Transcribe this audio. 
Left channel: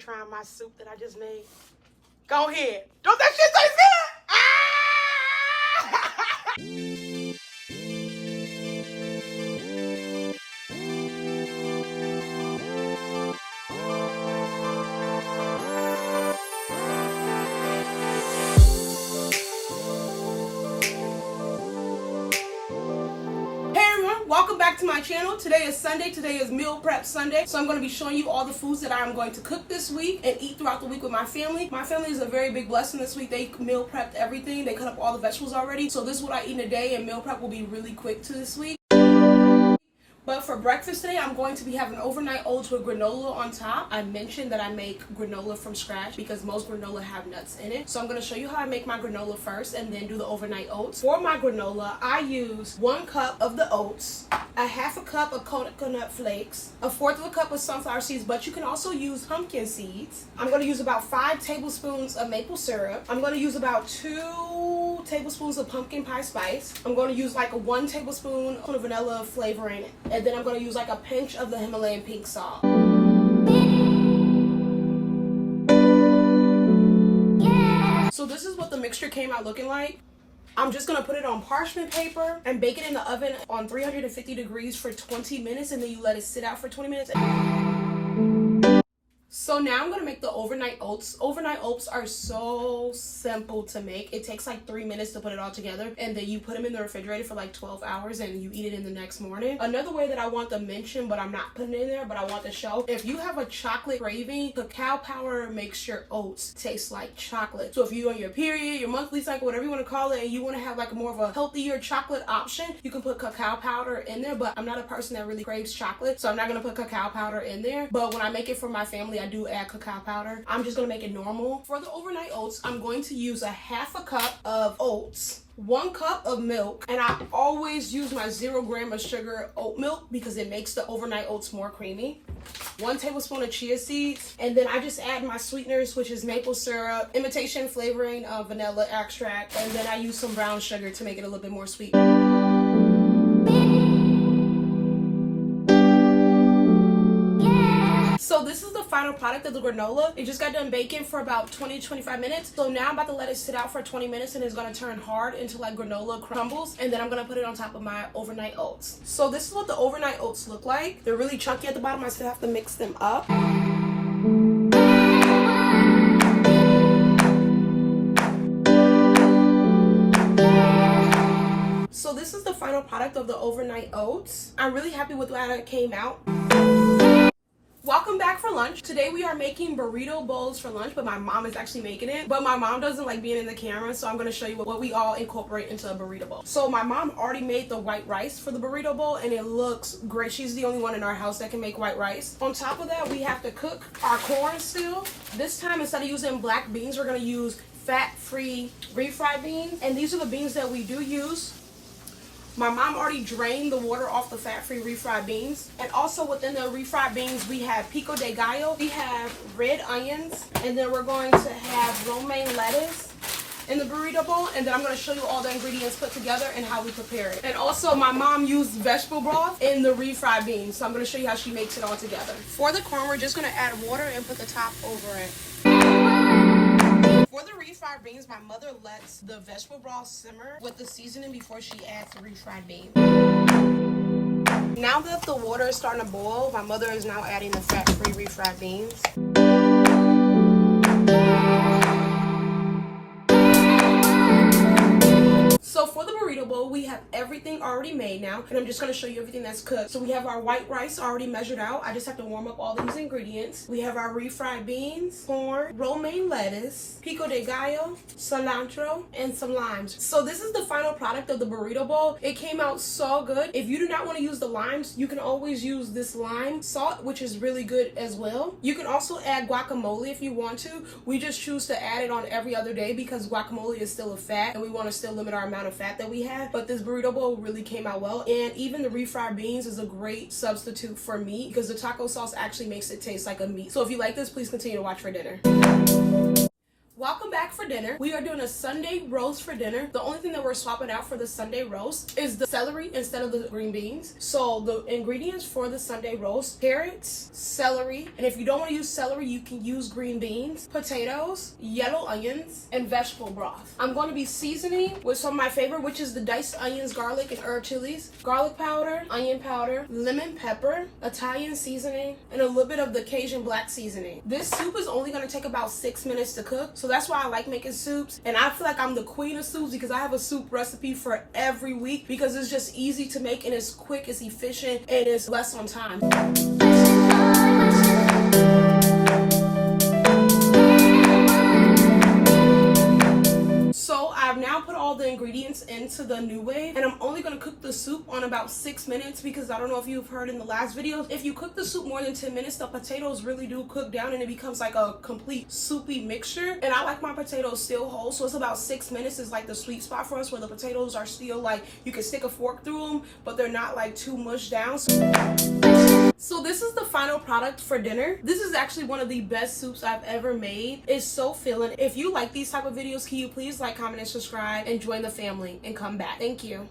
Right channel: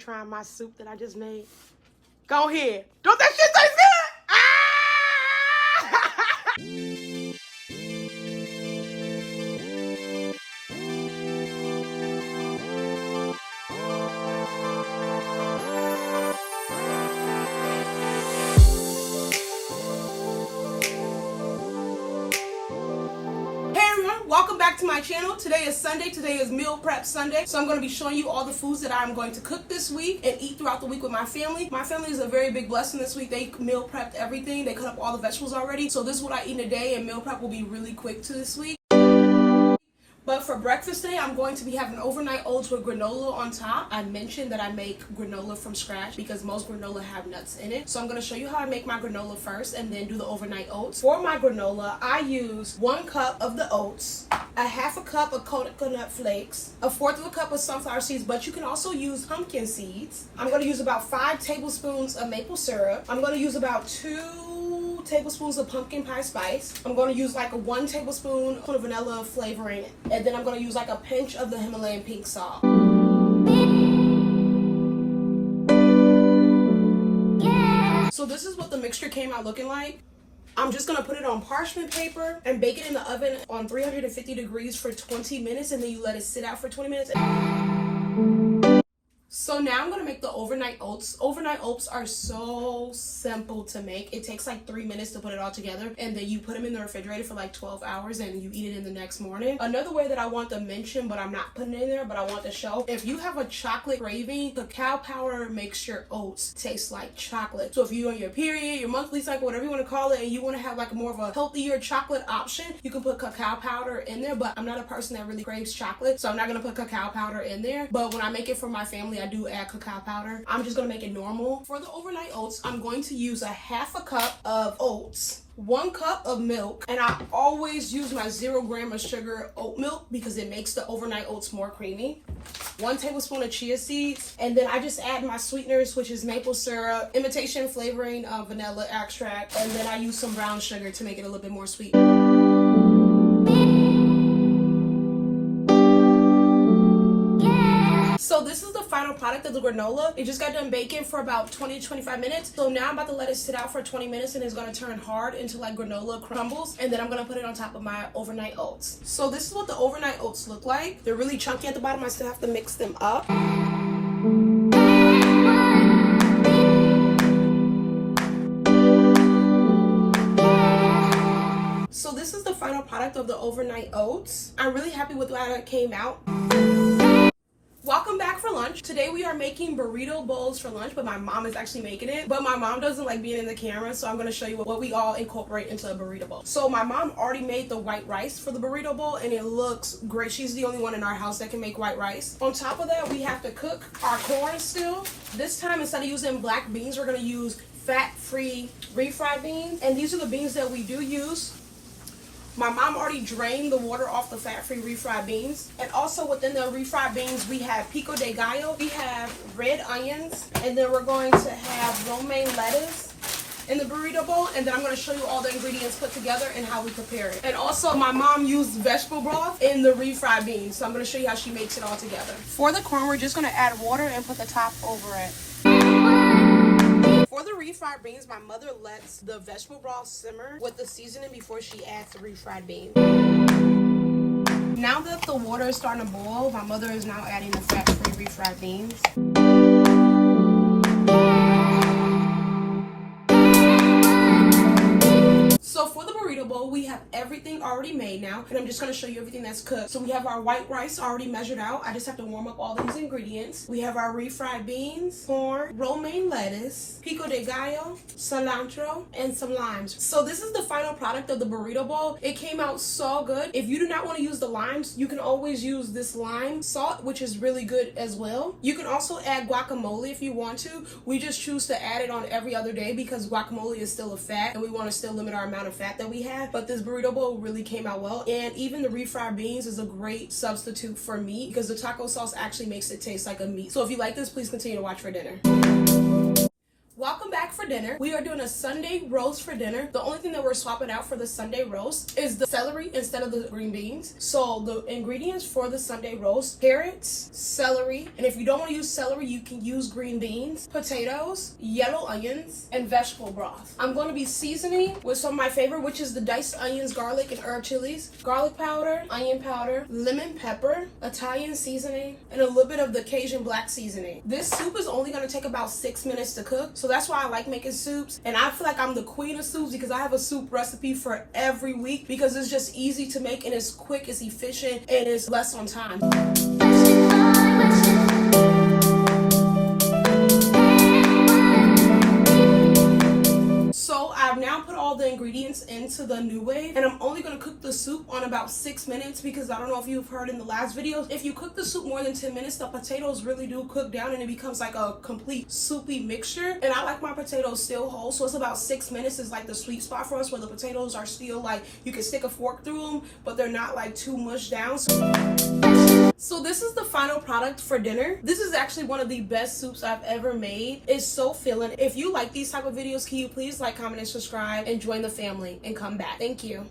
trying my soup that I just made? Go ahead. Don't that shit taste good? Welcome back to my channel. Today is Sunday. Today is meal prep Sunday. So I'm going to be showing you all the foods that I'm going to cook this week and eat throughout the week with my family. My family is a very big blessing this week. They meal prepped everything. They cut up all the vegetables already. So this is what I eat in a day, and meal prep will be really quick to this week. But for breakfast today, I'm going to be having overnight oats with granola on top. I mentioned that I make granola from scratch because most granola have nuts in it. So I'm going to show you how I make my granola first and then do the overnight oats. For my granola, I use 1 cup of the oats, a half a cup of coconut flakes, a fourth of a cup of sunflower seeds, but you can also use pumpkin seeds. I'm going to use about 5 tablespoons of maple syrup. I'm going to use about 2 tablespoons of pumpkin pie spice. I'm going to use like a 1 tablespoon of vanilla flavoring, and then I'm going to use like a pinch of the Himalayan pink salt. So this is what the mixture came out looking like. I'm just going to put it on parchment paper and bake it in the oven on 350 degrees for 20 minutes, and then you let it sit out for 20 minutes. So now I'm going to make the overnight oats. Overnight oats are so simple to make. It takes like 3 minutes to put it all together, and then you put them in the refrigerator for like 12 hours and you eat it in the next morning. Another way that I want to mention, but I'm not putting it in there, but I want to show, if you have a chocolate craving, cacao powder makes your oats taste like chocolate. So if you're on your period, your monthly cycle, whatever you want to call it, and you want to have like more of a healthier chocolate option, you can put cacao powder in there. But I'm not a person that really craves chocolate, so I'm not going to put cacao powder in there. But when I make it for my family, I do add cacao powder. I'm just gonna make it normal. For the overnight oats, I'm going to use a half a cup of oats, 1 cup of milk, and I always use my 0 gram of sugar oat milk because it makes the overnight oats more creamy. 1 tablespoon of chia seeds, and then I just add my sweeteners, which is maple syrup, imitation flavoring of vanilla extract, and then I use some brown sugar to make it a little bit more sweet. So this is the final product of the granola. It just got done baking for about 20 to 25 minutes. So now I'm about to let it sit out for 20 minutes, and it's gonna turn hard until like granola crumbles, and then I'm gonna put it on top of my overnight oats. So this is what the overnight oats look like. They're really chunky at the bottom. I still have to mix them up. So this is the final product of the overnight oats. I'm really happy with how it came out. Welcome back for lunch. Today we are making burrito bowls for lunch, but my mom is actually making it. But my mom doesn't like being in the camera, so I'm going to show you what we all incorporate into a burrito bowl. So my mom already made the white rice for the burrito bowl, and it looks great. She's the only one in our house that can make white rice. On top of that, we have to cook our corn still. This time, instead of using black beans, we're going to use fat-free refried beans. And these are the beans that we do use. My mom already drained the water off the fat-free refried beans. And also within the refried beans, we have pico de gallo, we have red onions, and then we're going to have romaine lettuce in the burrito bowl. And then I'm going to show you all the ingredients put together and how we prepare it. And also my mom used vegetable broth in the refried beans, so I'm going to show you how she makes it all together. For the corn, we're just going to add water and put the top over it. For the refried beans, my mother lets the vegetable broth simmer with the seasoning before she adds the refried beans. Now that the water is starting to boil, my mother is now adding the fat-free refried beans. So for the burrito bowl, we have everything already made now, and I'm just going to show you everything that's cooked. So we have our white rice already measured out. I just have to warm up all these ingredients. We have our refried beans, corn, romaine lettuce, pico de gallo, cilantro, and some limes. So this is the final product of the burrito bowl. It came out so good. If you do not want to use the limes, you can always use this lime salt, which is really good as well. You can also add guacamole if you want to. We just choose to add it on every other day because guacamole is still a fat, and we want to still limit our amount of fat that we have. But this burrito bowl really came out well, and even the refried beans is a great substitute for meat because the taco sauce actually makes it taste like a meat. So if you like this, please continue to watch for dinner. Welcome back for for dinner. We are doing a Sunday roast for dinner. The only thing that we're swapping out for the Sunday roast is the celery instead of the green beans. So the ingredients for the Sunday roast: carrots, celery, and if you don't want to use celery, you can use green beans, potatoes, yellow onions, and vegetable broth. I'm going to be seasoning with some of my favorite, which is the diced onions, garlic, and herb chilies, garlic powder, onion powder, lemon pepper, Italian seasoning, and a little bit of the Cajun black seasoning. This soup is only going to take about 6 minutes to cook, so that's why I like making soups. And I feel like I'm the queen of soups because I have a soup recipe for every week, because it's just easy to make and it's quick, it's efficient, and it's less on time. So I've now put all the ingredients into the new way, and I'm only going to cook the soup on about 6 minutes, because I don't know if you've heard in the last videos, if you cook the soup more than 10 minutes, the potatoes really do cook down and it becomes like a complete soupy mixture. And I like my potatoes still whole, so it's about 6 minutes is like the sweet spot for us, where the potatoes are still like, you can stick a fork through them, but they're not like too mushed down. So this is the final product for dinner. This is actually one of the best soups I've ever made. It's so filling. If you like these type of videos, can you please like, comment, and subscribe, and join the family and come back. Thank you.